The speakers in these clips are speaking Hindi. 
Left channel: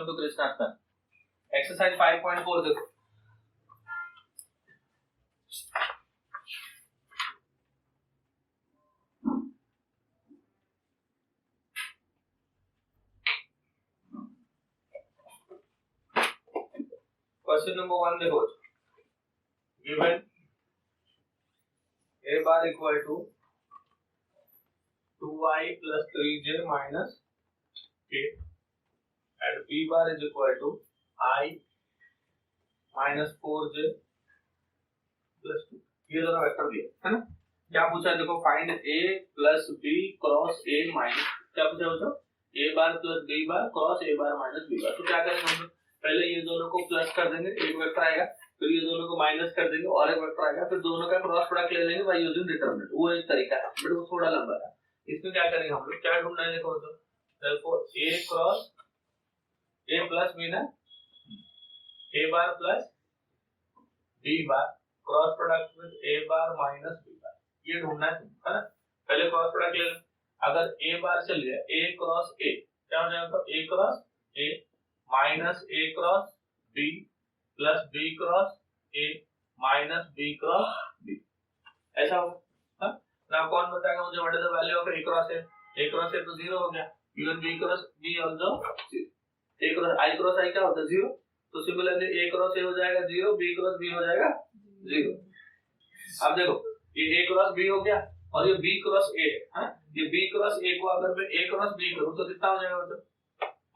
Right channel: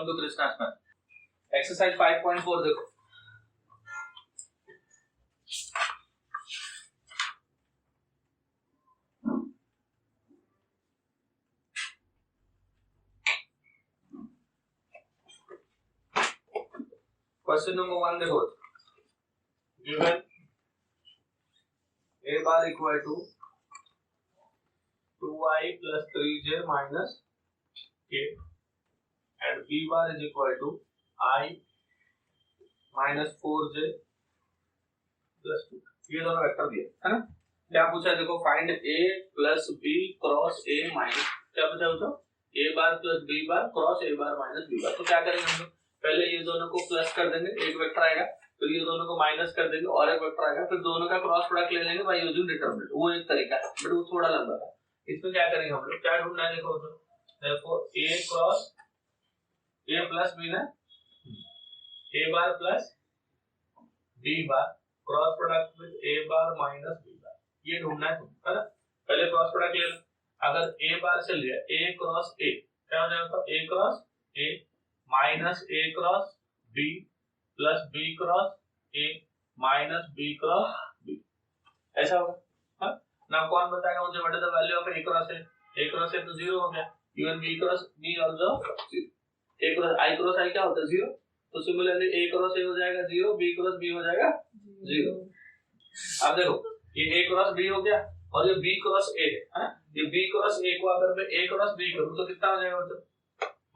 Welcome to Krishna math. Exercise 5.4 देखो। क्वेश्चन नंबर 1 देखो। Given a bar equal to 2i plus 3j minus k and b bar is equal to I minus 4j plus 2। ये दोनों वेक्टर दिए है ना। क्या पूछा है देखो, find a plus b cross a minus, क्या पूछा बच्चों, a bar plus b bar cross a bar minus b बार। तो क्या करेंगे हम लोग, पहले ये दोनों को प्लस कर देंगे, एक वेक्टर आएगा, फिर ये दोनों को माइनस कर देंगे और एक वेक्टर आएगा, फिर दोनों का क्रॉस प्रोडक्ट ले लेंगे बाय यूजिंग डिटरमिनेंट। वो एक तरीका है बट वो थोड़ा लंबा है। इसमें क्या करेंगे हम लोग, क्या ढूंढना है देखो, तो therefore a cross a plus b ना, a bar plus b bar cross product with a bar minus b बार, ये ढूंढना है तुम, है ना। पहले क्रॉस प्रोडक्ट ले लो। अगर a बार से लिया a क्रॉस a, क्या हो जाएगा, तो a cross a minus a cross b plus b cross a minus b cross b, ऐसा होगा। हाँ ना, कौन बताएगा मुझे what is the value of a cross a? a cross a तो 0 हो गया, even b cross b also 0। a cross i cross i क्या होता है, 0। तो सिमिलरली a क्रॉस a हो जाएगा 0, b क्रॉस b हो जाएगा 0। अब देखो ये a क्रॉस b हो गया और ये b क्रॉस a है। ये b क्रॉस a को अगर मैं a क्रॉस b करूं तो कितना हो जाएगा, मतलब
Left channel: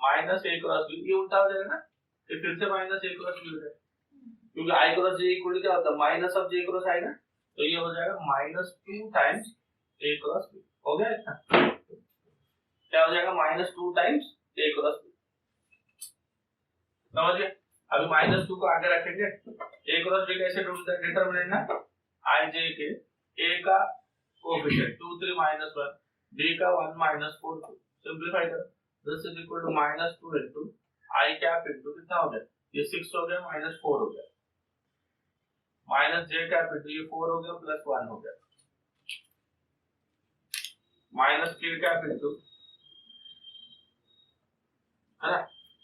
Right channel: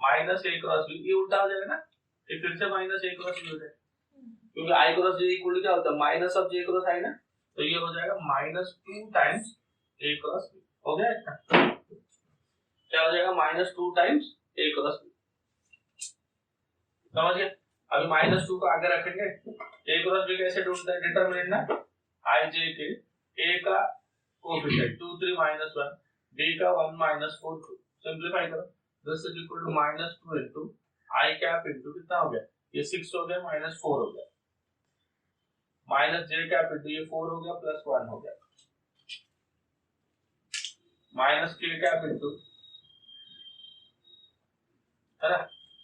माइनस a क्रॉस b। ये उल्टा हो जाएगा ना, ये फिर से माइनस a क्रॉस b हो जाएगा, क्योंकि i cross j equal to क्या होता है, minus of j cross i ना। तो ये हो जाएगा minus 2 times a cross b। हो गया इतना, क्या हो जाएगा, minus 2 times a cross b। समझ गए। अभी माइनस 2 को आगे रखेंगे, a क्रॉस b कैसे ढूंढते हैं, डिटरमिनेंट ना, i j के a का कोएफिशिएंट 2 3 minus 1, b का 1 minus 4 2। सिंपलीफाई करो, this is equal to minus 2 into i cap into कितना हो गया, ये 6 हो गया माइनस 4 हो गया, माइनस j कैप इनटू ये 4 हो गया प्लस 1 हो गया, माइनस k कैप इनटू, है ना,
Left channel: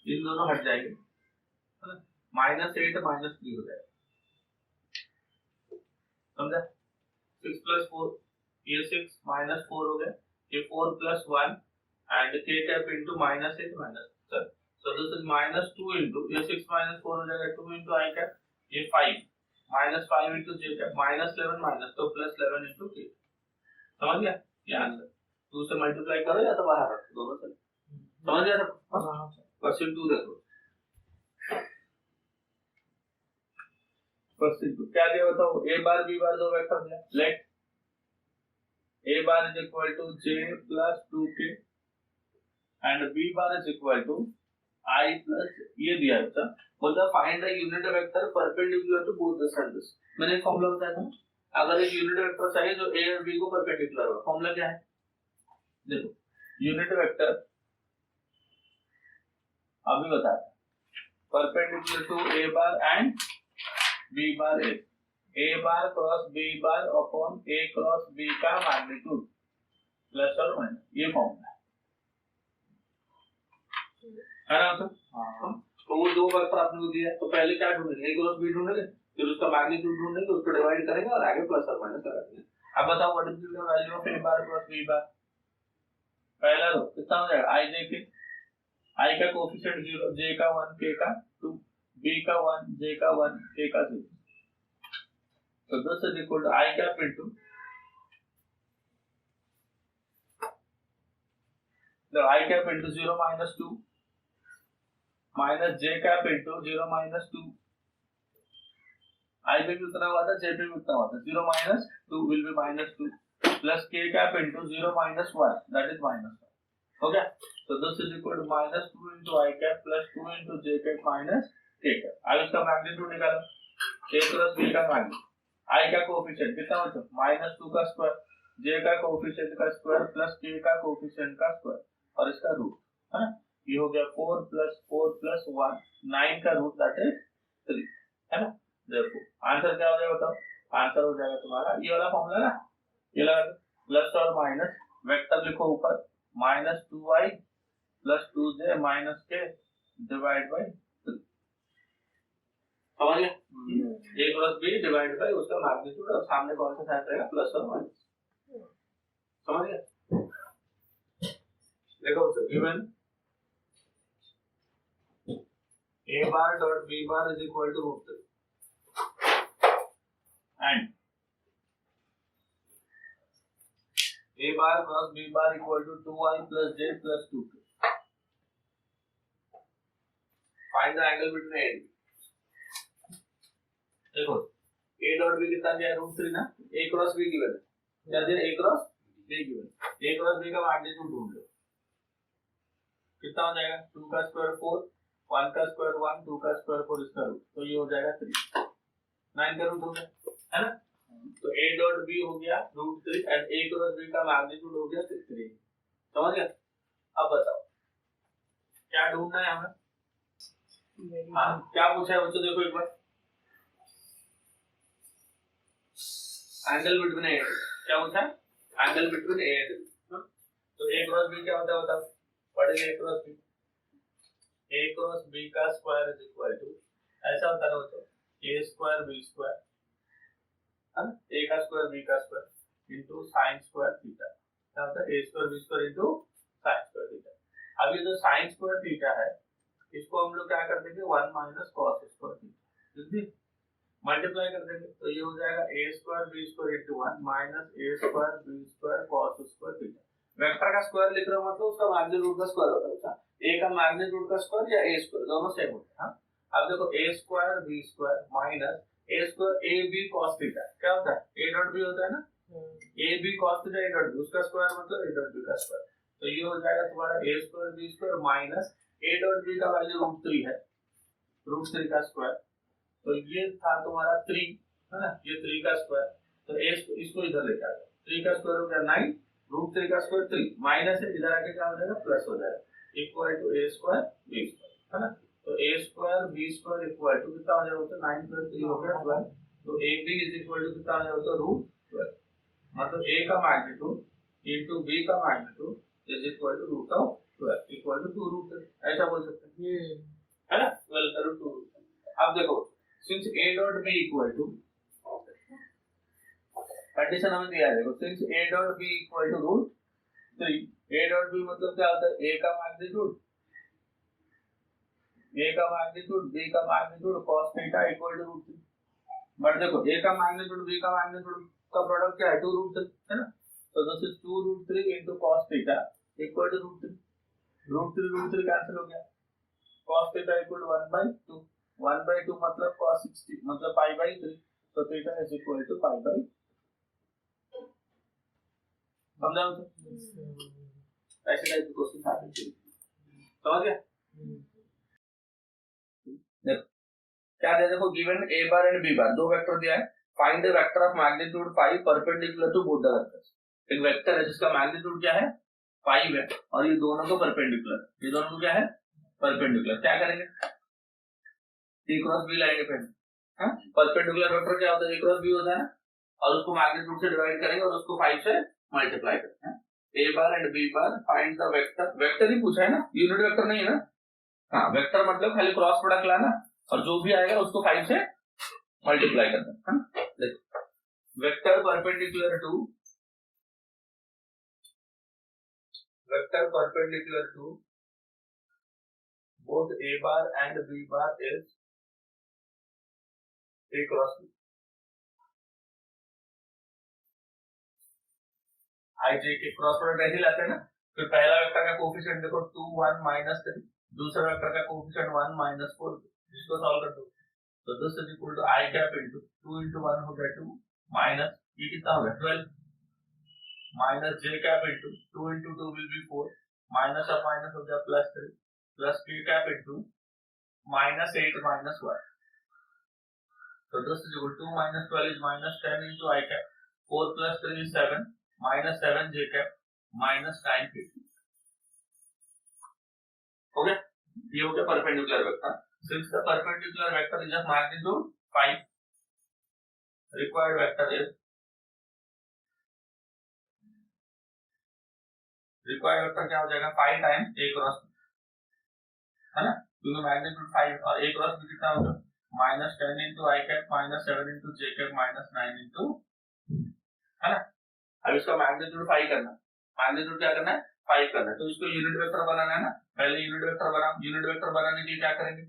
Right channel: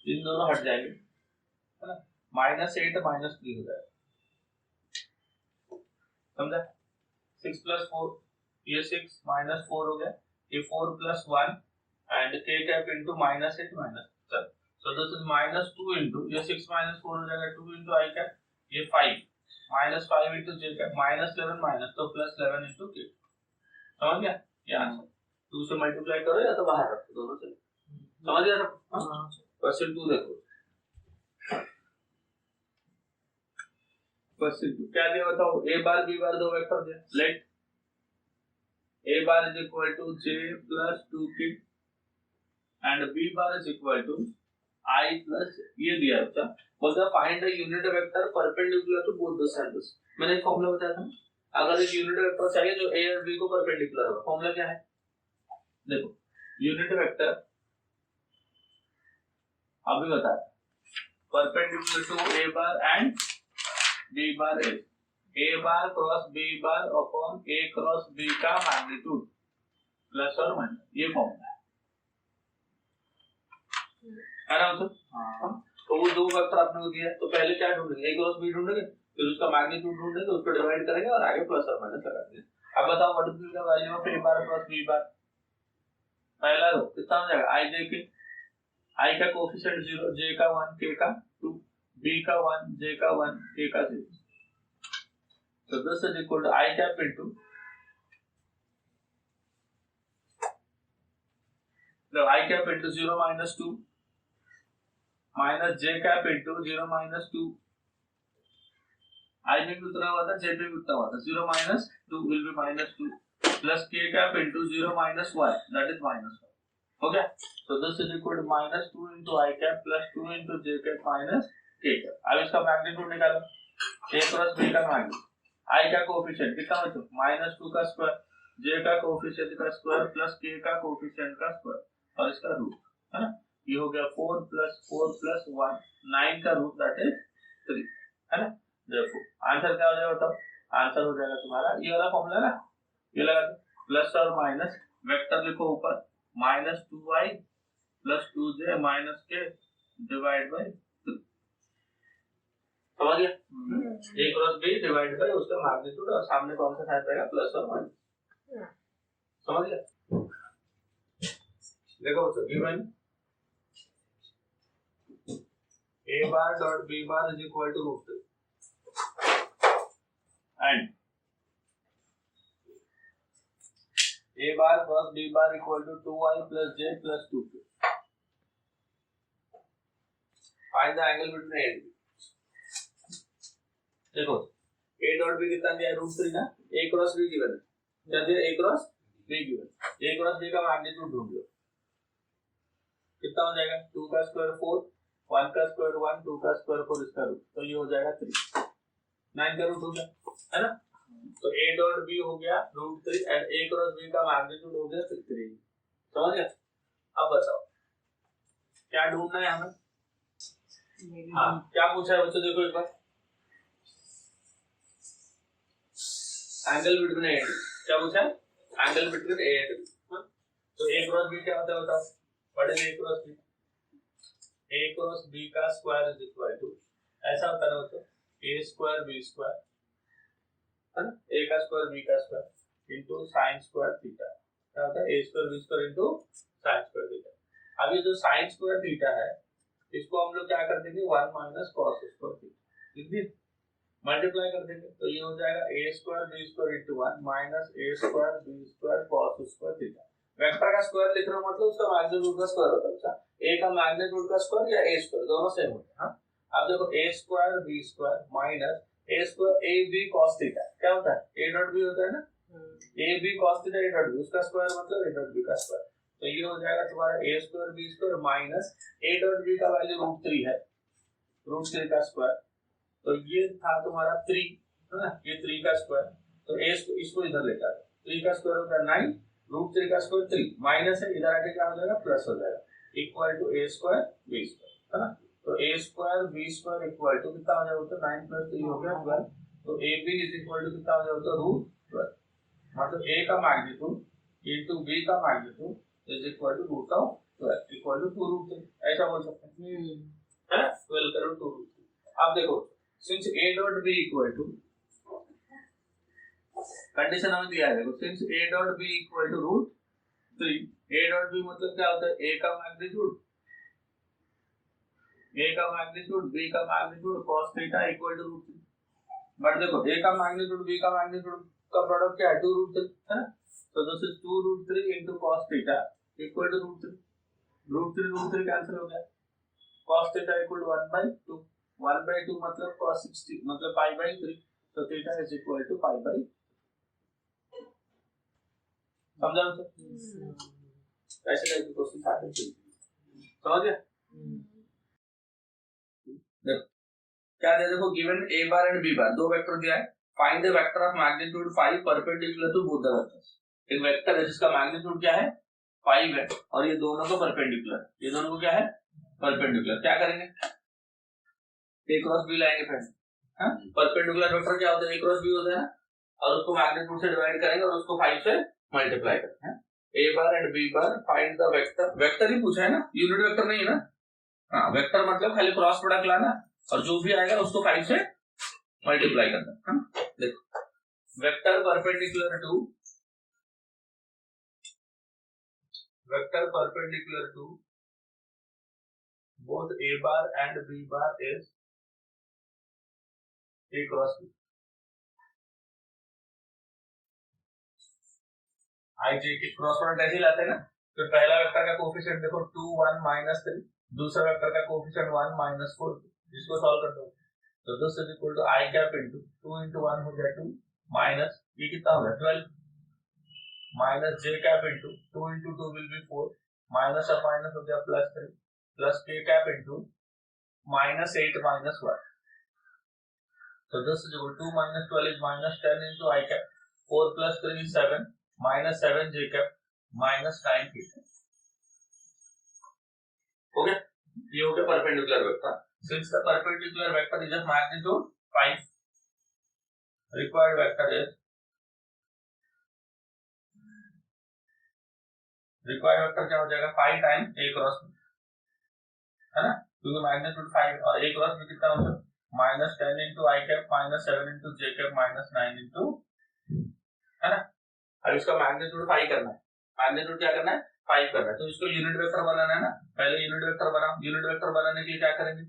इन दोनों हट जाएंगे, है ना, माइनस 8 माइनस 3 हो जाएगा। समझा, 6 प्लस 4, ये 6 माइनस 4 हो गया, ये 4 plus 1 and k cap into minus 8 minus, so this is minus 2 into ये 6 माइनस 4 हो जाएगा 2 इनटू i कैप, ये 5 minus 5 into j cap, minus 11 minus तो प्लस 11 इनटू k। समझ गया, ये आंसर 2 से मल्टीप्लाई करो या तो बाहर रखो, दोनों चले। समझ गया सब। क्वेश्चन 2 देखो, क्वेश्चन 2 क्या दिया बताओ, a बार b बार दो वेक्टर दिया, late a bar is equal to j plus 2k and b bar is equal to I plus, ये दिया है बच्चा, बोलता find the unit vector perpendicular to both the centres. मैंने एक फॉर्मूला बताया था, अगर एक यूनिट वेक्टर चाहिए जो a और b को परपेंडिकुलर होगा, फॉर्मूला क्या है देखो, यूनिट वेक्टर अभी बताया, perpendicular to a bar and b bar is a bar cross b bar upon a cross b का मैग्नीट्यूड प्लस और माइनस, ये फॉर्मूला है ना मतलब। हाँ, तो वो दो वेक्टर आपने को दिया, तो पहले क्या ढूंढेंगे, a क्रॉस b ढूंढेंगे, फिर उसका मैग्नीट्यूड ढूंढेंगे, उसको डिवाइड करेंगे और आगे प्लस और माइनस लगा देंगे। अब बताओ what is the value of a bar cross b बार। पहला रो कितना हो जाएगा, i j के, i का कोएफिशिएंट 0, j का 1, k का 2, b का 1, j का 1, k का 0। So this is equal to I cap into the I cap into 0 minus 2 minus j cap into 0 minus 2। I में भी उतना हुआ था, j में भी उतना हुआ था, 0 minus 2 will be minus 2 plus k cap into 0 minus 1, that is minus 1। हो गया, so this is equal to minus 2 into I cap plus 2 into j cap minus k cap। अब इसका मैग्नीट्यूड निकालो, a क्रॉस b का मैग्नीट्यूड, I का कोएफिशिएंट कितना बच्चों, माइनस 2 का स्क्वायर, j का कोएफिशिएंट का स्क्वायर प्लस k का कोएफिशिएंट का स्क्वायर और इसका रूट, है ना। ये हो गया 4 प्लस 1 9 का रूट दैट इज 3, है ना। देखो आंसर क्या हो जाएगा बताओ, आंसर हो जाएगा तुम्हारा ये वाला फॉर्मूला ना, ये लगा दो, प्लस और माइनस, वेक्टर लिखो ऊपर, minus 2i plus 2j minus k divide by 3, समझ गए? ए क्रॉस बी डिवाइड बाय उसका मैग्नीट्यूड और सामने कौन सा साइन रहेगा, प्लस और माइनस, समझ गए? देखो बच्चों, given a bar dot b bar is equal to root 3 and a bar cross b bar equal to 2i plus j plus 2k. Find the angle between a and b. देखो a dot b कितना दिया है, रूट 3 ना, a cross b गिवन है, क्या दिया, a cross b given, a cross b का मैग्नीट्यूड ढूंढ लो, कितना हो जाएगा, 2 का स्क्वायर 4, 1 का स्क्वायर 1, 2 का स्क्वायर 4, इसका रूट, तो ये हो जाएगा 3, 9 का रूट हो गया, है ना? तो a डॉट b हो गया root 3 and a cross b का मैग्नीट्यूड हो गया 3, समझ गए? अब बताओ क्या ढूंढना है हमें? हाँ, क्या पूछा है बच्चों, देखो एक बार, एंगल बिटवीन ए एंड, क्या पूछा है, एंगल बिटवीन ए एंड, तो a क्रॉस b क्या होता है बताओ, पढ़ेंगे a cross b, a cross b का स्क्वायर इज इक्वल टू, ऐसा होता है ना बच्चों, a स्क्वायर b स्क्वायर, है ना, a का स्क्वायर b का square into sin square theta, क्या होता है, a square b square into sin square theta. अब ये जो sin स्क्वायर थीटा है इसको हम लोग क्या कर देंगे, 1 माइनस cos स्क्वायर थीटा, लिख दिए, मल्टीप्लाई कर देंगे, तो ये हो जाएगा a square b square into 1 minus a square b square cos square theta. Vector का स्क्वायर लिख रहे हो मतलब उसका मैग्नीट्यूड का स्क्वायर होता है, अच्छा a का मैग्नीट्यूड का स्क्वायर या a स्क्वायर, दोनों सेम होते हैं। हाँ, अब देखो a square b square minus a square a b cos theta, क्या होता है, a डॉट b होता है ना, a b cos theta a dot b, उसका स्क्वायर मतलब a डॉट b का स्क्वायर, तो ये हो जाएगा तुम्हारा a square b square minus a dot b का वैल्यू रूट 3 है, रूट 3 का स्क्वायर, तो ये था तुम्हारा 3, है ना, ये 3 का स्क्वायर, तो a इसको इधर लेके आ जाओ, 3 का स्क्वायर हो गया 9, रूट 3 का स्क्वायर 3 माइनस है, इधर आके क्या हो जाएगा, प्लस हो जाएगा, equal to a square b square, है ना, तो a square b square equal to कितना हो जाएगा, तो 9 प्लस 3 हो गया 12, तो ab इज इक्वल टू कितना हो जाएगा, रूट 12, मतलब a का मैग्नीट्यूड इनटू b का magnitude is equal to root of 12 equal to 2 root 3, ऐसा बोल सकते हैं, है ना, 12 का रूट 2 रूट 3। अब देखो since a dot b equal to, condition हमें दिया है, देखो since a dot b equal to root 3, a dot b मतलब क्या होता है, a का मैग्नीट्यूड b का magnitude cos theta equal to root 3, but देखो a का मैग्नीट्यूड b का मैग्नीट्यूड का प्रोडक्ट क्या है, 2 रूट 3, है ना, तो this is 2 root 3 into cos theta equal to root 3, root 3 cancel हो गया, cos थीटा इक्वल टू 1/2, 1/2 मतलब cos 60 मतलब पाई बाई 3, तो theta is equal to pi by, समझा तो ऐसे टाइप के क्वेश्चन आते हैं, समझ गया? देखो क्या दिया, देखो given a bar and b bar, दो वेक्टर दिया है, find the vector of magnitude 5 perpendicular to both the vectors, एक वेक्टर है जिसका मैग्नीट्यूड क्या है 5 है और ये दोनों को परपेंडिकुलर, ये दोनों को क्या है परपेंडिकुलर, क्या करेंगे, a क्रॉस b लाएंगे फ्रेंड, हां, परपेंडिकुलर वेक्टर क्या होता है, a क्रॉस b होता है और उसको मैग्नीट्यूड से डिवाइड करेंगे और उसको 5 से मल्टीप्लाई करेंगे, हैं, a बार एंड b बार, फाइंड द वेक्टर, वेक्टर ही पूछा है ना, यूनिट वेक्टर नहीं है ना, हाँ वेक्टर मतलब खाली क्रॉस प्रोडक्ट लाना और जो भी आएगा उसको 5 से मल्टीप्लाई करना, हाँ देखो vector perpendicular to both a bar and b bar is a cross b, आई जे के क्रॉस प्रोडक्ट ऐसे लाते हैं ना, तो पहला वेक्टर का कोएफिशिएंट देखो 2 1 -3, दूसरा वेक्टर का कोएफिशिएंट 1 -4, इसको सॉल्व कर दो, तो this is equal to i cap into 2 into 1 हो गया 2 माइनस ये कितना हो गया 12 minus j cap into 2 into 2 will be 4 minus of minus हो गया plus 3 plus k cap into -8 -1, so this is equal to 2 minus 12 is -10 into I cap, 4 plus 3 is 7 minus 7 j cap minus 9 k, हो गया, ये हो गया perpendicular vector, since the perpendicular vector is of magnitude 5, required vector क्या हो जाएगा 5 times a cross b, है ना, क्योंकि मैग्नीट्यूड 5 और a क्रॉस b कितना होगा -10 into i cap -7 into j cap -9 into, है ना। अब इसका मैग्नीट्यूड 5 करना है, मैग्नीट्यूड क्या करना है 5 करना है, तो इसको यूनिट वेक्टर बनाना है ना। पहले यूनिट वेक्टर बनाओ, यूनिट वेक्टर बनाने के लिए क्या करेंगे,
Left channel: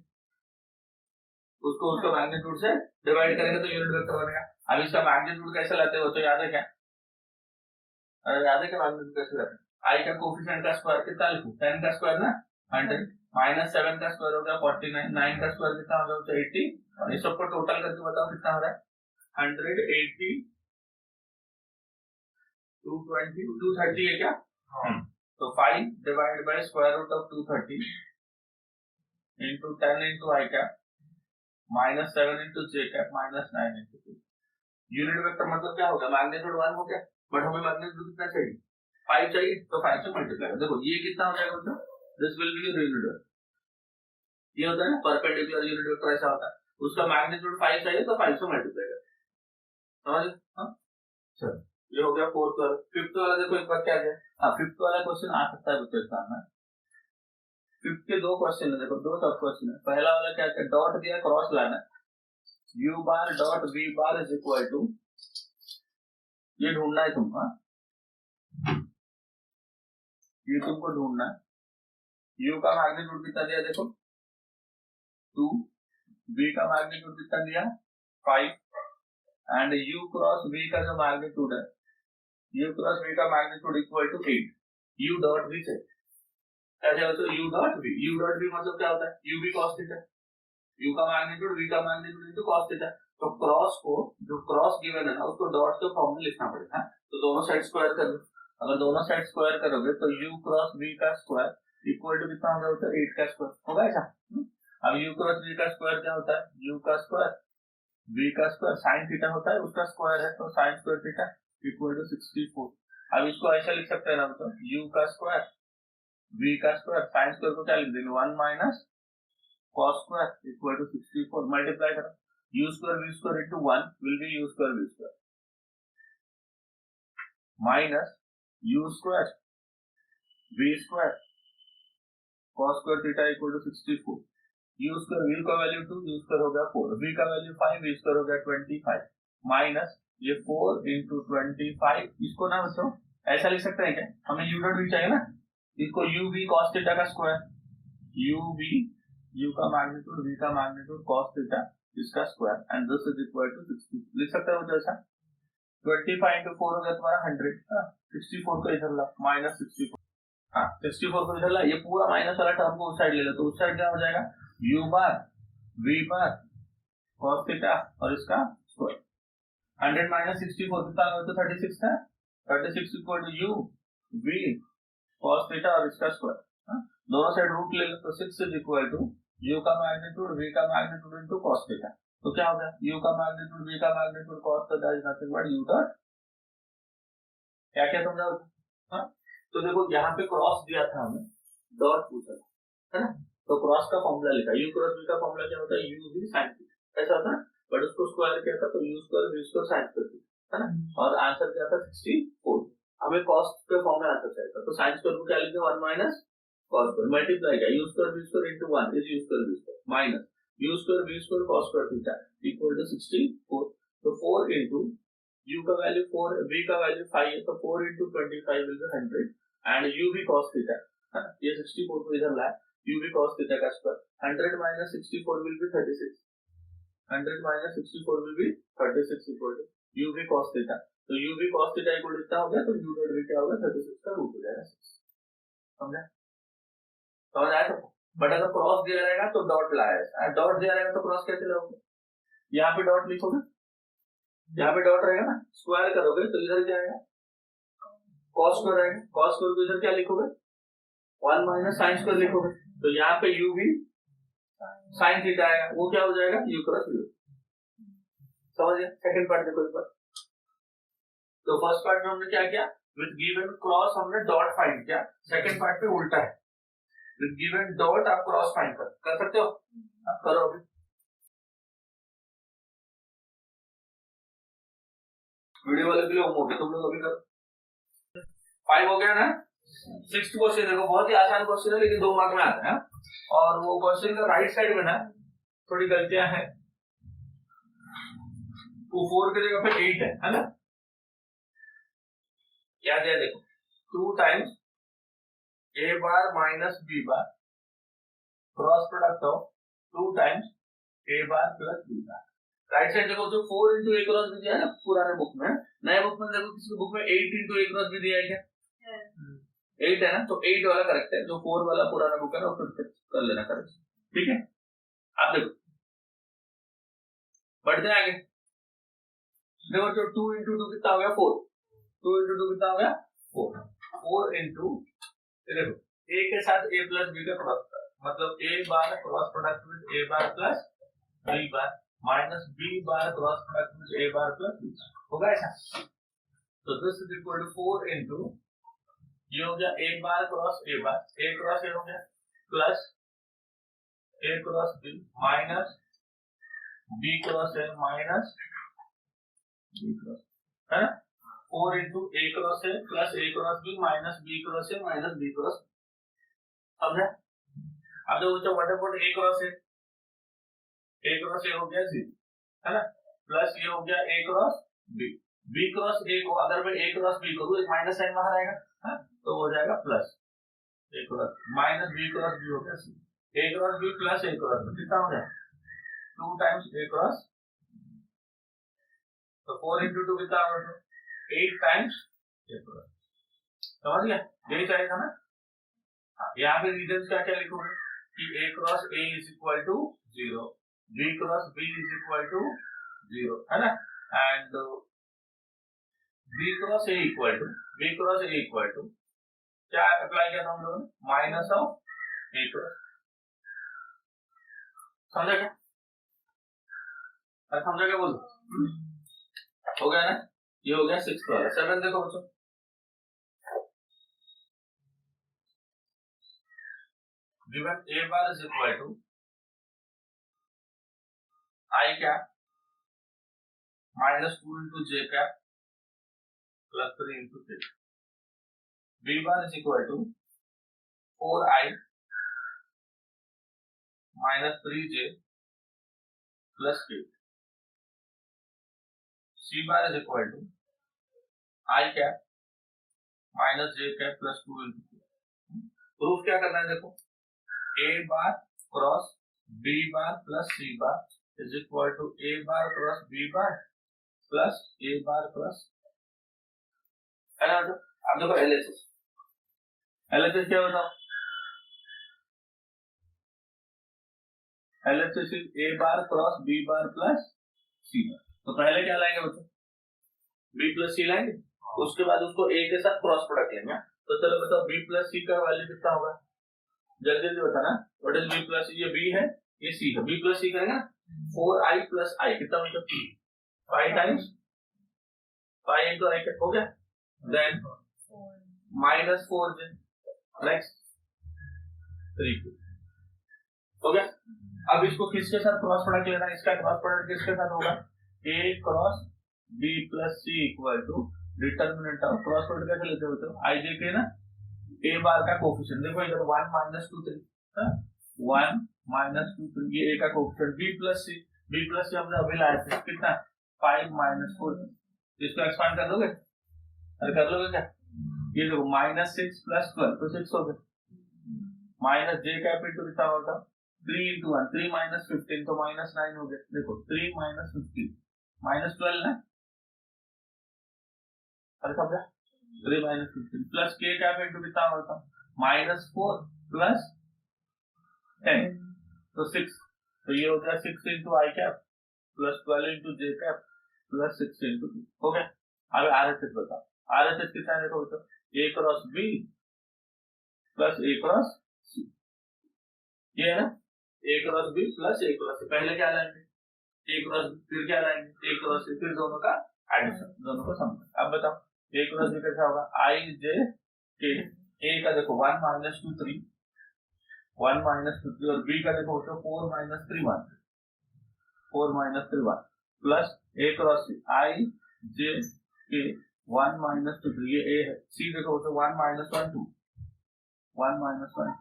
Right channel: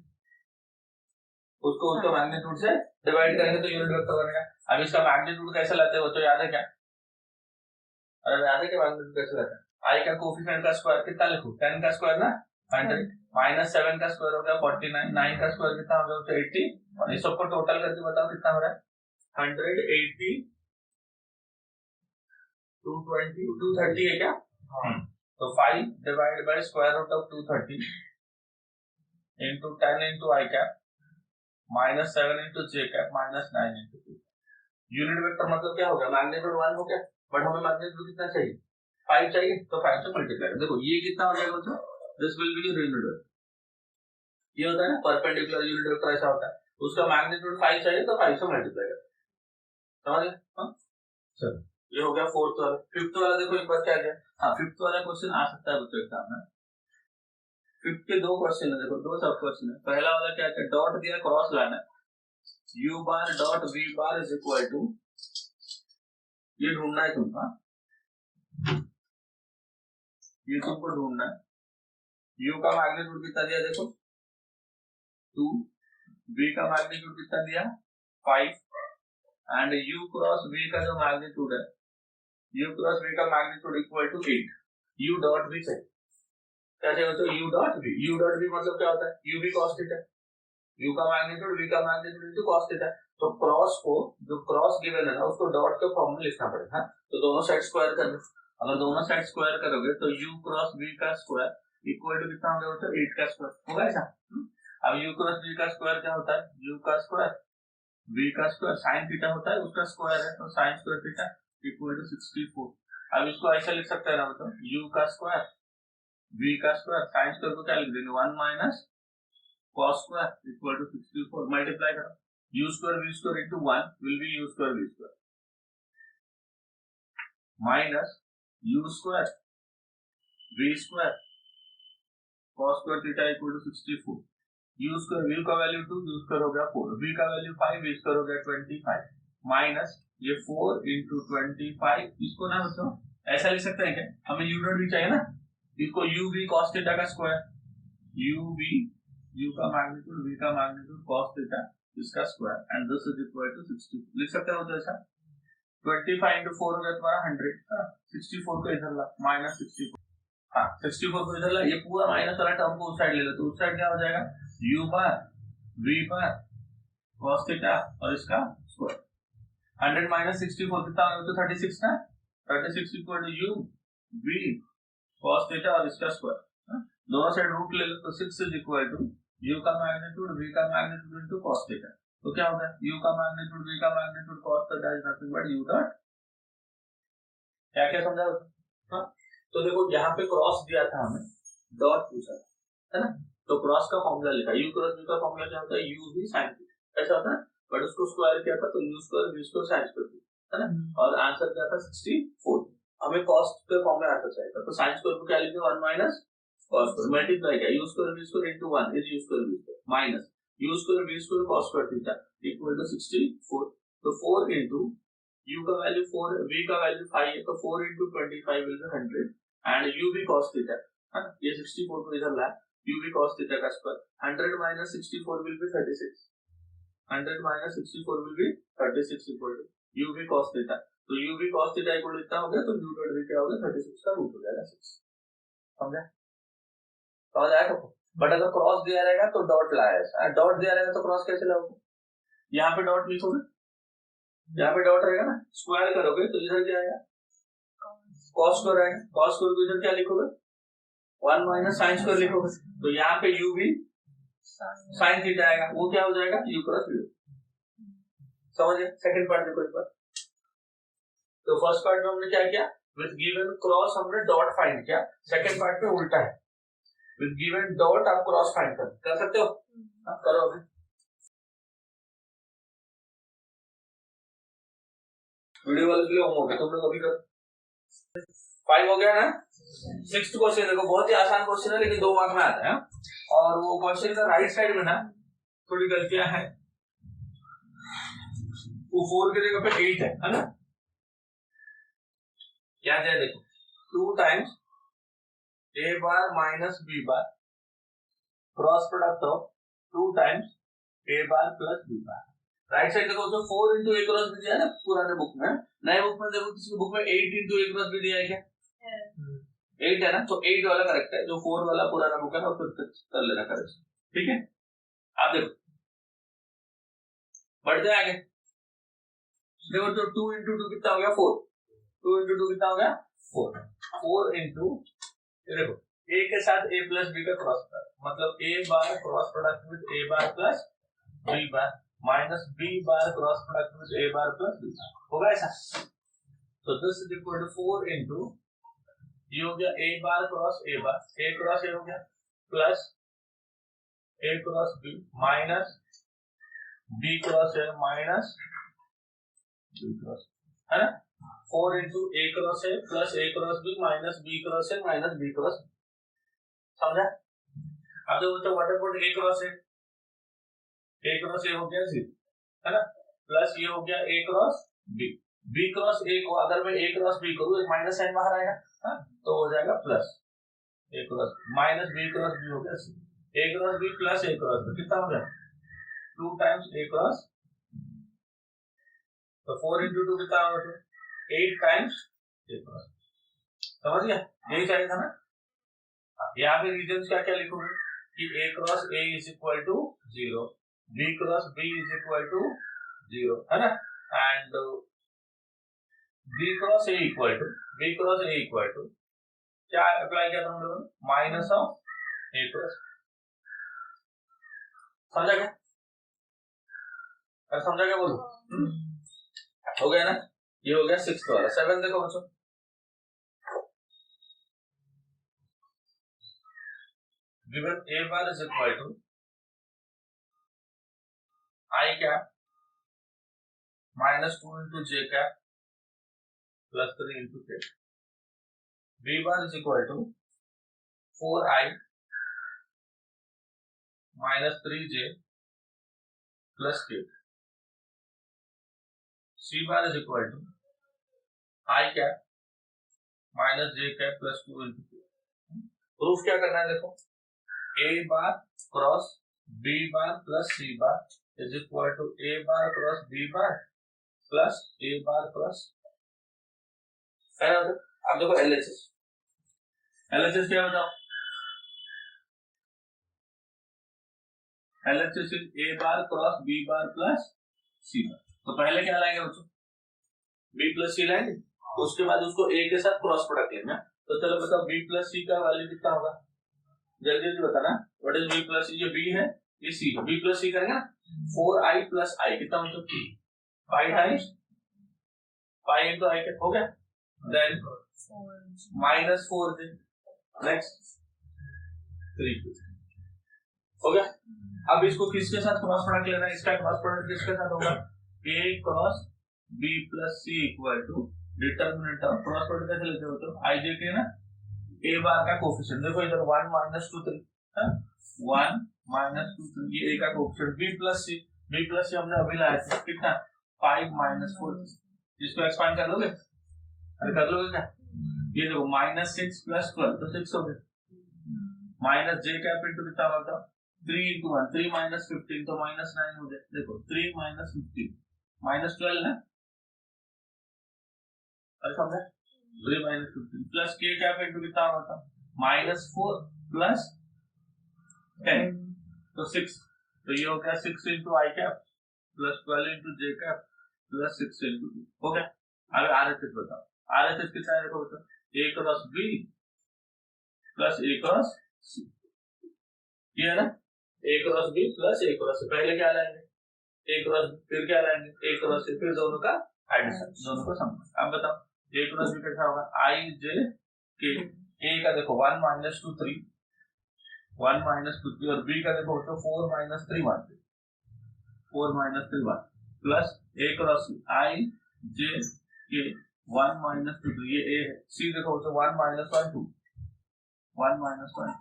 उसको मैग्नीट्यूड से डिवाइड करेंगे तो यूनिट वेक्टर बनेगा। अब इसका मैग्नीट्यूड कैसे लाते हो तो याद है क्या, याद है क्या मैग्नीट्यूड कैसे लाते हैं, i का कोफिशिएंट का स्क्वायर कितना लिखो 10 का स्क्वायर ना 100 -7 का स्क्वायर हो गया 49, 9 का स्क्वायर कितना हो गया 80, और इस सबको टोटल करके बताओ कितना हो रहा है 180, 220, 230 है क्या, तो 5 divide by square root of 230 into 10 into i cap -7 into j cap -9 into 2। Unit vector मतलब क्या हो गया, मैग्नीट्यूड 1 हो गया, बट हमें मैग्नीट्यूड कितना चाहिए 5 चाहिए, तो 5 से मल्टीप्लाई कर, देखो ये कितना हो जाएगा बच्चों, this will be your unit vector. ये होता है ना परपेंडिकुलर यूनिट वेक्टर, ऐसा होता है, उसका मैग्नीट्यूड 5 चाहिए तो 5 से मल्टीप्लाई कर, समझ गए। हां चलो ये हो गया फोर्थ वाला। फिफ्थ वाला देखो एक बार क्या दिया, हां फिफ्थ वाला क्वेश्चन आ सकता है बच्चों एग्जाम में। फिफ्थ के दो क्वेश्चन है, देखो दो सब क्वेश्चन है। पहला वाला क्या है, डॉट दिया क्रॉस लाना है, u bar dot v bar is equal to, ये ढूंढना है तुमको, ये तुमको ढूंढना है। u का मैग्नीट्यूड कितना दिया देखो 2, v का मैग्नीट्यूड कितना दिया 5, एंड u क्रॉस v का जो मैग्नीट्यूड है, u क्रॉस v का magnitude equal to 8। u dot v से क्या चाहिए तो u डॉट v मतलब क्या होता है u v cos theta, u का मैग्नीट्यूड v का मैग्नीट्यूड इनटू cos थीटा। तो क्रॉस को, जो क्रॉस गिवन है ना उसको डॉट के फॉर्म में लिखना पड़ेगा, तो दोनों साइड स्क्वायर कर दो। अगर दोनों साइड स्क्वायर करोगे तो u क्रॉस v का स्क्वायर इक्वल टू कितना हो गया 8 का स्क्वायर होगा ऐसा। अब u क्रॉस v का स्क्वायर क्या होता है, u का स्क्वायर v का स्क्वायर sin थीटा होता है, उसका स्क्वायर है तो sin square theta equal to 64। अब इसको ऐसा लिख सकते हैं ना तो u का स्क्वायर v का स्क्वायर sin स्क्वायर को क्या लिख देंगे 1 minus cos square equal to 64, multiply करो, u square v square into 1 will be u square v square minus u square v square cos square theta equal to 64। u square v का वैल्यू 2, u स्क्वायर हो गया 4, v का वैल्यू 5, v स्क्वायर हो गया 25 माइनस ये 4 into 25। इसको ना बच्चों ऐसा लिख सकते हैं क्या, हमें u डॉट v चाहिए ना, इसको u v cos थीटा का स्क्वायर, u v u का मैग्नीट्यूड v का मैग्नीट्यूड cos थीटा इसका square, and this is equal to 60 लिख सकते हो जैसा 25 into 4 हो गया तुम्हारा 100, 64 को इधर ला -64, हाँ 64 को इधर ला, ये पूरा माइनस वाला टर्म को उस साइड ले लो, तो उस साइड क्या हो जाएगा u बार v बार cos थीटा और इसका स्क्वायर। 100 माइनस 64 कितना होगा तो 36 ना, 36 equal to u v cos theta और इसका स्क्वायर, दोनों साइड रूट ले लो तो 6 इज इक्वल टू u का मैग्नीट्यूड v का मैग्नीट्यूड इनटू cos थीटा, तो क्या होगा u का मैग्नीट्यूड v का magnitude cos theta is nothing but u dot, क्या क्या समझा होता। तो देखो यहाँ पे क्रॉस दिया था हमें, डॉट पूछा था है ना, तो क्रॉस का फॉर्मूला लिखा, u क्रॉस v का फॉर्मूला क्या होता है u v sin थीटा ऐसा होता है, बट उसको स्क्वायर किया था तो u square v square sin square है ना, और आंसर क्या था 64। हमें cos के फॉर्म में आंसर चाहिए तो sin स्क्वायर को क्या लिखेंगे 1 माइनस cos स्क्वायर मल्टीप्लाई किया u square v square into 1 is u square v square minus u square v square cos square theta equal to 64। तो 4 इनटू u का वैल्यू 4, v का वैल्यू 5 है, तो 4 into 25 will be 100 and u v cos theta है ना, ये 64 को इधर लाए, u v cos थीटा का square 100 minus 64 will be 36, 100 minus 64 will be 36 equal to u v cos theta, तो u v cos theta equal to इतना हो गया, तो u डॉट v क्या होगा 36 का रूट हो जाएगा 6, समझा, समझ आया सबको। बट अगर क्रॉस दिया रहेगा तो डॉट लाया, डॉट दिया रहेगा तो क्रॉस कैसे लाओगे, यहाँ पे डॉट लिखोगे, यहाँ पे डॉट रहेगा ना, स्क्वायर करोगे तो इधर क्या आएगा cos स्क्वायर आएगा, cos स्क्वायर को इधर क्या लिखोगे 1 माइनस sin स्क्वायर लिखोगे, तो यहाँ पे u भी sin थीटा आएगा, वो क्या हो जाएगा u क्रॉस v। समझिए सेकंड पार्ट देखो एक बार, तो फर्स्ट पार्ट में हमने क्या किया, विद गिवन क्रॉस हमने डॉट फाइंड किया, सेकंड पार्ट पे उल्टा है, विद गिवन डॉट आप क्रॉस फाइंड कर सकते हो, आप करो अभी। वीडियो वाले के लिए होमवर्क तुम लोग अभी करो, 5 हो गया ना, सिक्स्थ क्वेश्चन देखो, बहुत ही आसान क्वेश्चन है लेकिन 2 मार्क में आता है। और वो क्वेश्चन का राइट साइड में ना थोड़ी गलतियां हैं, वो 4 की जगह पे 8 है ना। क्या है देखो, 2 times a bar minus b bar cross product of 2 times a bar plus b bar. Right side देखो, जो 4 इंटू a क्रॉस b दिया है ना पुराने बुक में, नए बुक में देखो किसी बुक में 8 इंटू a क्रॉस b दिया है क्या? 8 है ना, तो 8 वाला करेक्ट है, जो 4 वाला पुराना बुक है ना उसको कर लेना करेक्ट। ठीक है, आप देखो बढ़ जाए आगे। देखो तो 2 इंटू 2 कितना हो गया 4, 2 इंटू 2 कितना हो गया 4, 4 इंटू देखो a के साथ a प्लस b का क्रॉस प्रोडक्ट, मतलब a bar cross product with a bar plus b bar minus b bar cross product with a bar plus b bar, होगा ऐसा। तो this is equal to 4 into ये हो गया a bar cross a bar, a cross a हो गया plus a cross b minus b cross a minus b cross, है ना। 4 into a cross a plus a cross b minus b cross a minus b cross, समझा। अब जो बच्चा what about a cross a हो गया 0, है ना, प्लस ये हो गया a cross b, b cross a को अगर मैं a क्रॉस b करूं एक माइनस साइन बाहर आएगा, है, तो हो जाएगा plus a cross minus b cross b हो गया c, a cross b plus a cross b कितना हो गया 2 टाइम्स a क्रॉस, तो 4 इंटू 2 कितना होगा 8 टाइम्स a क्रॉस, समझ गया, यही चाहिए था ना। यहाँ पे रीजन क्या क्या लिखोगे कि a cross a is equal to 0, b cross b is equal to 0, है ना, and b cross a equal to क्या अप्लाई किया था हम लोगों ने, माइनस ऑफ a क्रॉस, समझा क्या? अरे समझा क्या बोलो, हो गया ना, ये हो गया 6th वाला। 7 देखो बच्चों, given a bar is equal to I cap minus 2 into j cap plus 3 into k, b bar is equal to 4i minus 3j plus k, c bar is equal to I cap minus j cap plus 2 into k। Proof क्या करना है देखो, a bar cross b bar plus c bar is equal to a bar cross b bar plus a bar cross, है ना। अब देखो LHS क्या बताओ, LHS is a bar cross b bar plus c bar, तो पहले क्या लाएंगे बच्चों b प्लस c लाएंगे, उसके बाद उसको a के साथ क्रॉस प्रोडक्ट लेंगे। तो चलो बताओ b प्लस c का वैल्यू कितना होगा, जल्दी जल्दी बताना। व्हाट इज b प्लस, ये b है ये c है, b प्लस c करेंगे ना, 4i प्लस i कितना मतलब 5 टाइम्स 5 into i हो गया, देन माइनस 4j नेक्स्ट 3 हो गया। अब इसको किसके साथ क्रॉस प्रोडक्ट लेना है, इसका क्रॉस प्रोडक्ट किसके साथ होगा, a cross b plus c equal to determinant of, cross product कैसे लेते हो तो i j के ना a बार का कोफिशिएंट, देखो इधर 1 माइनस 2 3, 1 माइनस 2 3, ये a का कोफिशिएंट, b प्लस c हमने अभी लाया था कितना 5 माइनस 4, इसको एक्सपांड कर लोगे, अरे कर लोगे क्या, ये देखो माइनस 6 प्लस 12 तो 6 हो गया, माइनस j कैप इनटू कितना होगा 3 into 1, 3 माइनस 15 तो माइनस 9 हो गया, देखो 3 माइनस 15 माइनस 12 ना, अरे समझा, 3 minus 15 plus k cap into कितना होगा माइनस 4 प्लस 10 तो 6, तो ये हो गया 6 into i cap plus 12 into j cap plus 6 into 2 हो गया। अब RHS बताओ, RHS कितना है देखो बताओ, a cross b plus a cross c, ये है ना, a cross b plus a cross c, पहले क्या लाएंगे a क्रॉस b, फिर क्या लाएंगे a क्रॉस c, फिर दोनों का एडिशन, दोनों को सम। अब बताओ a क्रॉस b कैसा होगा i j k, a का देखो 1 माइनस 2 3, 1 माइनस 2 3 और b का देखो तो 4 minus 3 1, 4 minus 3 1 plus a cross c i j k 1 minus 2 3, ये a है, c देखो तो 1 माइनस 1 2 1 माइनस 1।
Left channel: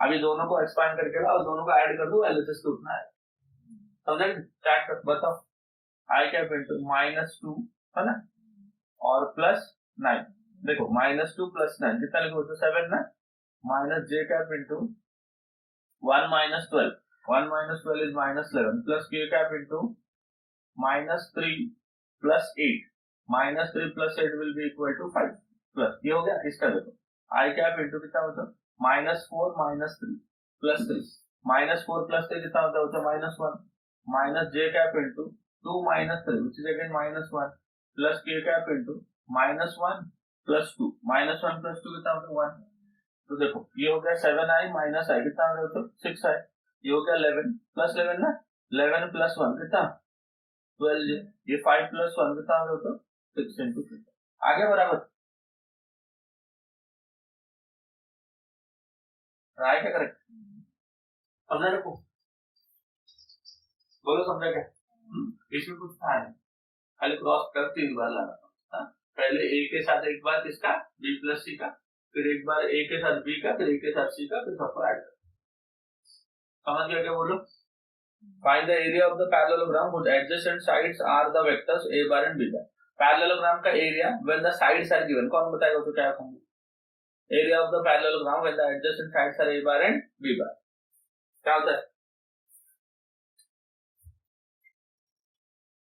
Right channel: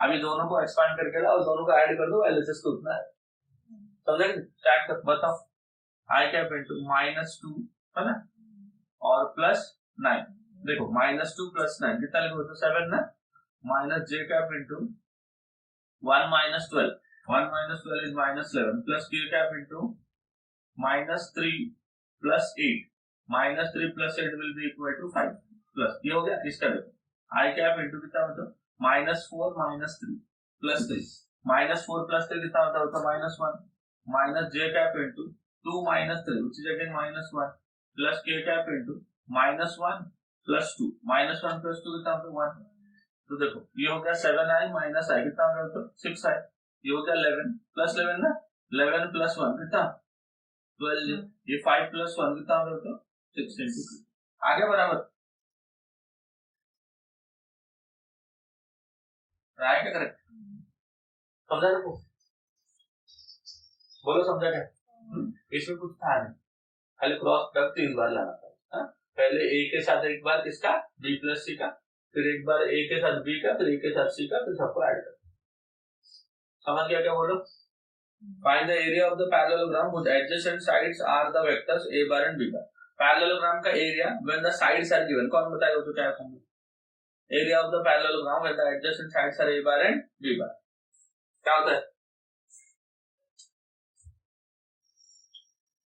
अभी दोनों को एक्सपांड करके लाओ, दोनों को ऐड कर दो, एलएचएस को उतना है। समझे? स्टार्ट कर, बताओ। आई कैप इंटू -2 है ना, और +9। देखो -2 + 9 कितना लिखो तो 7 ना, minus J cap into 1 minus 12, 1 minus 12 is -11 plus के cap into -3 + 8, -3 + 8 will be equal to 5 plus, ये हो गया। इसका देखो आई कैप इंटू कितना होता है, -4 -3 + 3, -4 + 3 कितना होता है, -1, minus J cap into 2 - 3 which is again -1 plus के कैप इंटू -1 + 2, -1 + 2 कितना होता है 1। तो देखो ये हो गया 7i माइनस आई कितना हो गया 6i, ये हो गया 11 + 11 ना, 11 + 1 कितना 12, ये 5 + 1 कितना हो गया 6 × 2। आ गया बराबर, राइट है करेक्ट? समझा देखो, बोलो समझा क्या? इसमें कुछ था नहीं, खाली क्रॉस कर 3 बार लाना था। पहले ए के साथ एक बार किसका, बी + सी का, फिर एक बार ए के साथ बी का, फिर ए के साथ सी का, फिर सबको ऐड कर। समझ गया क्या? बोलो। Find the area of the parallelogram whose adjacent sides are the vectors a bar and b bar। Parallelogram का area when the sides are given, कौन बताएगा तो क्या होगा? Area of the parallelogram when the adjacent sides are a bar and b bar, क्या होता है?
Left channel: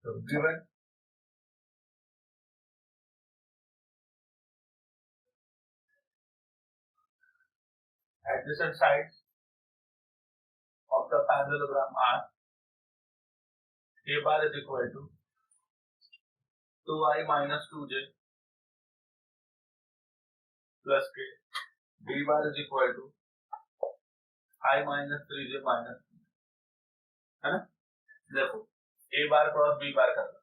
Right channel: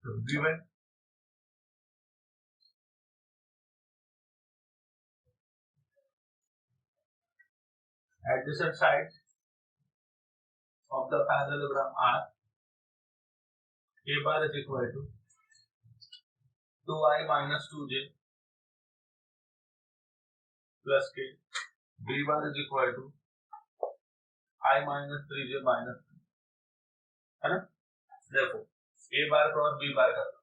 तो given adjacent sides of the parallelogram are a bar is equal to 2i minus 2j plus k, b bar is equal to I minus 3j minus 3, है ना? देखो a bar cross b bar करना,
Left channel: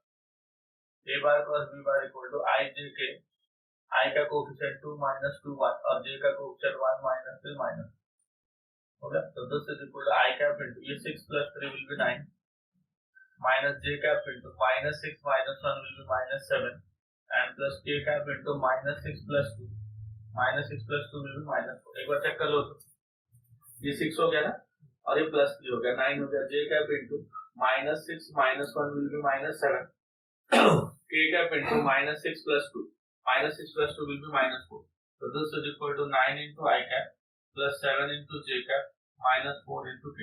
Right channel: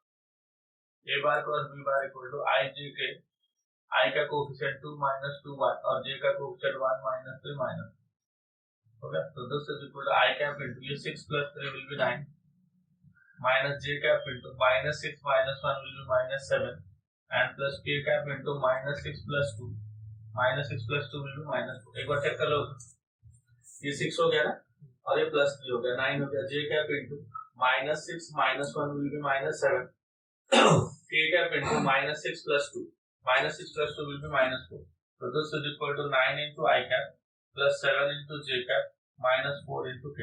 a bar cross b bar equal to i j k, i का कोफिशिएंट 2 - 2 1 और j का कोफिशिएंट 1 - 3 -, हो गया। तो this is equal to I cap into ये 6 + 3 will be 9 minus j cap into -6 - 1 will be -7 and plus k cap into -6 + 2, -6 + 2 will be -4। एक बार चेक कर लो, ये 6 हो गया ना, और ये +3 हो गया, 9 हो गया। j cap into -6 - 1 will be -7, k cap into -6 + 2, -6 + 2 will be -4। So this is equal to 9 into I cap plus 7 into j cap minus 4 into k।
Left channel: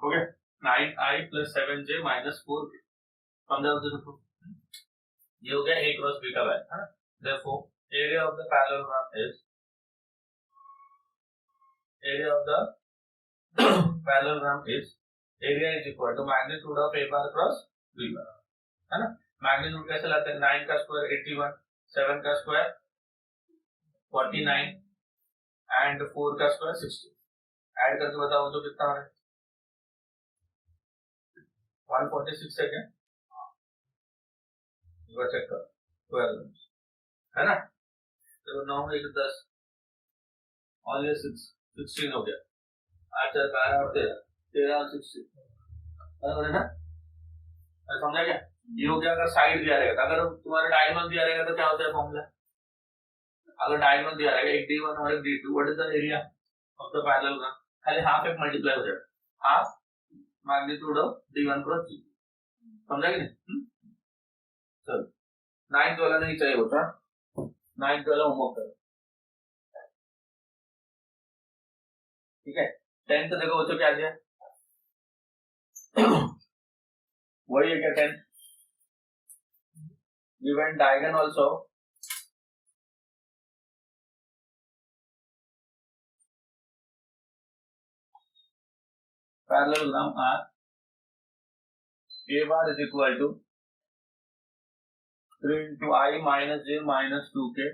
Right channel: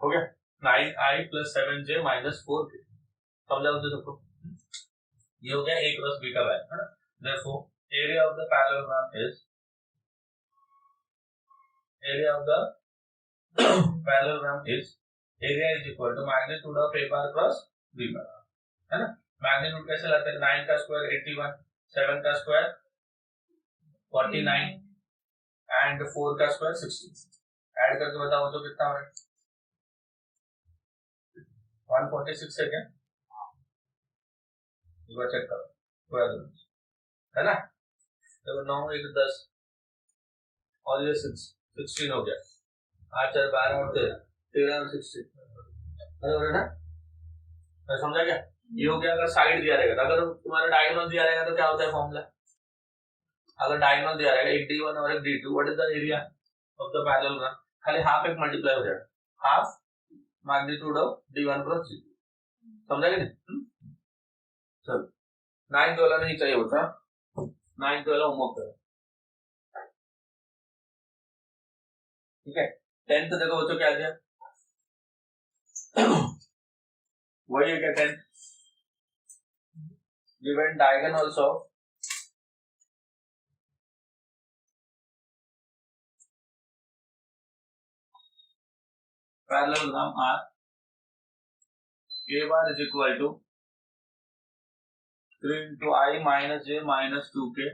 हो गया 9i plus 7j minus 4k। समझा तो सबको? ये हो गया a क्रॉस b का वैल्यू, है ना? Therefore area of the parallelogram is area is equal to magnitude of a bar cross b bar, है ना? मैग्नीट्यूड कैसे लाते हैं? 9 का स्क्वायर 81, 7 का स्क्वायर 49 एंड 4 का स्क्वायर 60। ऐड करके बताओ तो कितना है? 146 है क्या? एक बार चेक करो, 12 है ना? देखो 9 1 10 और ये 16 हो गया, 8 4 12 और 13 और 16, बराबर है ना? समझा क्या? ये हो गया अगर साइड दिया रहेगा। अगर तुम्हारा डायगोनल दिया रहेगा तो क्या होता है फॉर्मूला? अगर डायगोनल दिया रहेगा एक d1 और एक d2, what is the area of the parallelogram? खाली हाफ एक मल्टीप्लाई हो जाएगा, half magnitude of d1 cross d2। समझा कि नहीं? चलो 9th वाला नहीं चाहिए होता, 9th वाला होमवर्क करो, ठीक है? 10th देखो बच्चों क्या दिया, वही है क्या 10th? given diagonals of parallelogram are a bar is equal to 3 into I minus j minus 2k,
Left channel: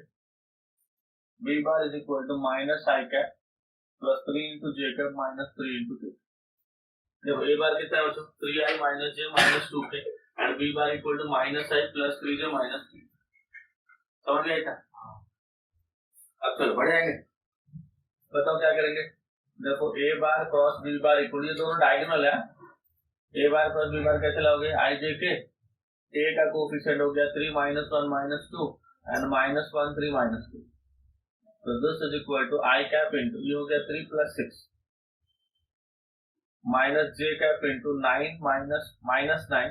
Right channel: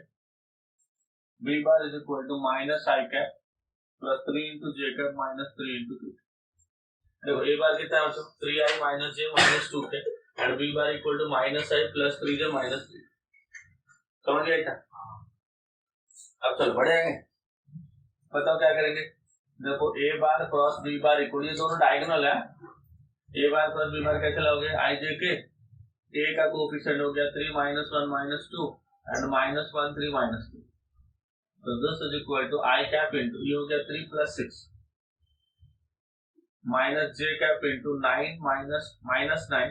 b bar is equal to minus I cap plus 3 into j cap minus 3 into k। देखो a बार कितना है बच्चों? 3i minus j minus 2k and b bar equal to minus I plus 3j minus 3। समझ गया क्या? अब चलो बढ़ जाएंगे, बताओ क्या करेंगे? देखो a bar cross b bar equal, ये दोनों डायगोनल है, a बार क्रॉस b बार कैसे लाओगे? I j k, a का कोफिशिएंट हो गया 3 - 1 - 2 एंड -1 3 - 2, तो this is equal to i cap into ये हो गया 3 + 6 माइनस जे कैप इंटू 9 माइनस 9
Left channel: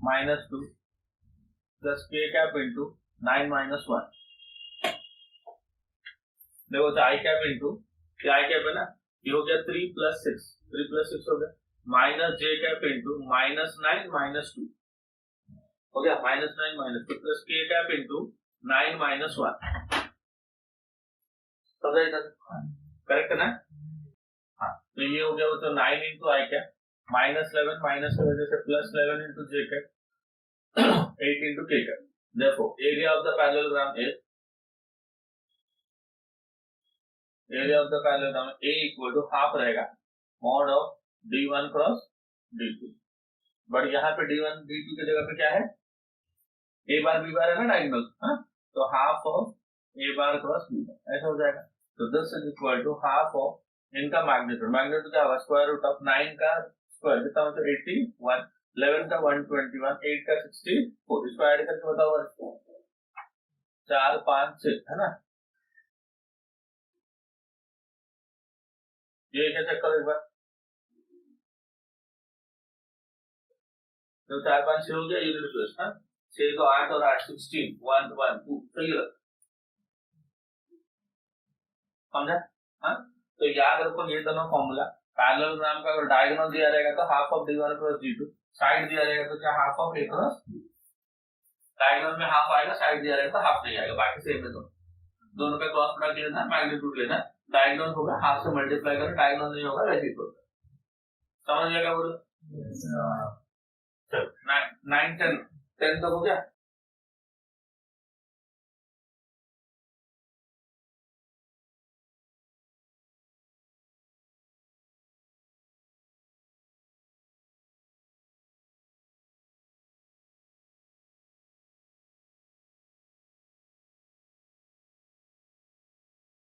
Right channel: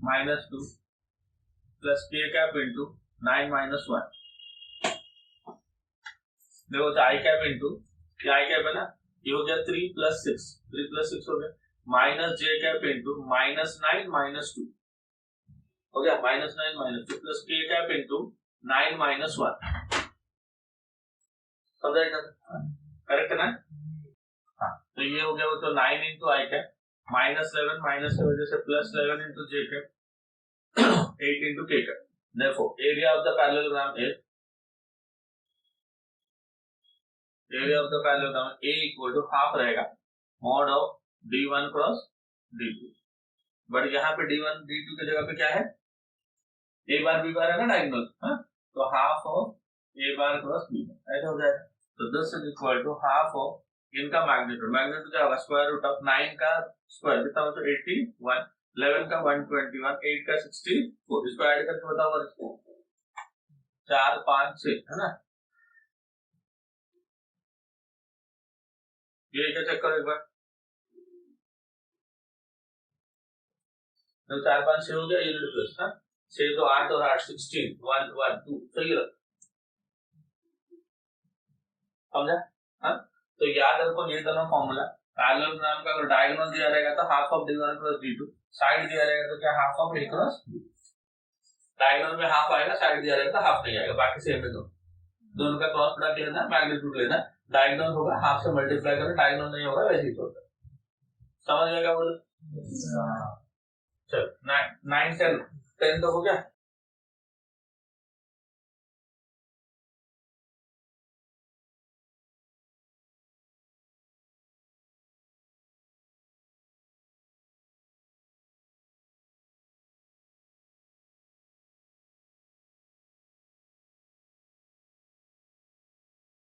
-2 प्लस के कैप इंटू 9 - 1। देखो तो आई कैप इंटू क्या आई कैप है ना, ये हो गया 3 + 6 हो गया माइनस जे कैप इंटू -9 - 2 हो गया -9 - 2 प्लस के कैप इंटू 9 - 1। समझ आया करेक्ट है ना? हाँ तो ये हो गया वो तो 9 इंटू आई कैप -11 माइनस की वजह से +11 इंटू जे कैप 8 इंटू के cap. therefore area of the parallelogram is A equal to half रहेगा mod of d1 cross d2। But यहाँ पे d1 d2 की जगह पे क्या है, a बार b बार है ना डायगोनल, हाँ तो half of a bar cross b bar ऐसा हो जाएगा। तो this is equal to half of इनका मैग्नीट्यूड क्या होगा, स्क्वायर रूट ऑफ 9 का स्क्वायर कितना होता है 81, 11 का 121, 8 का 64। इसको ऐड करके बताओ 4 5 6 है ना, ये क्या चेक करो एक बार। तो 4 5 6 हो गया, यूनिट प्लस हाँ 6 तो 8 और 8 16 1 1 2 सही है समझा। हाँ तो याद रखो ये दोनों फॉर्मूला पैरेललोग्राम का अगर डायगोनल दिया रहेगा तो half of d1 cross d2, side दिया रहेगा तो क्या half of a cross b। Diagonal में हाफ आएगा, साइड दिया रहेगा तो हाफ नहीं आएगा, बाकी सेम है दोनों का क्रॉस प्रोडक्ट लेना है, मैग्नीट्यूड लेना है। डायगोनल होगा हाफ से मल्टीप्लाई करो, डायगोनल नहीं होगा वैसे ही छोड़। समझ में क्या बोल? चलो 9 10 10 तक हो गया।